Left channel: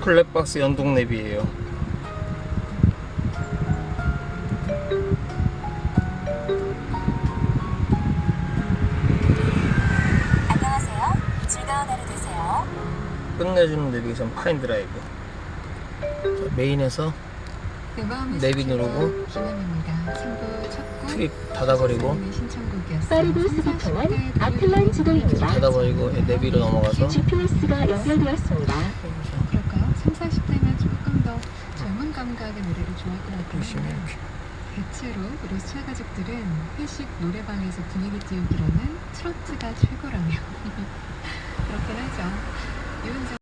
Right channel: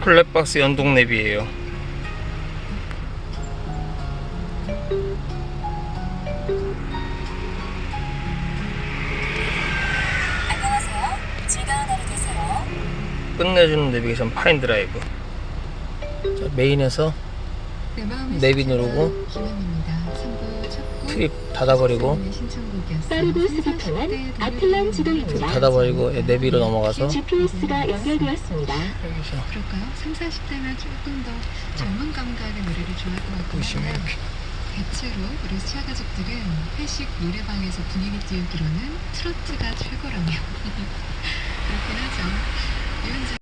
플랫박스 연동랩이에요. 안녕하세요. 즐거운 하루 되세요. 끝내주는 내비게이션 파인드라이브. 메인에서 내비 누르고 트립 닫아버리고 네, 네, 닫아버리고 예, 내비로 네, 넘어가서 GPS가 연결되었습니다. 그럴까요? 3, 40대면 조금 더 젊은 감각의 노래를 좋아할 것 같거든요. 대체로 우리 수야 가족들은 회식 노래방에서 분위기 띄우기로는 트로트가 최고라며 그렇긴 하죠.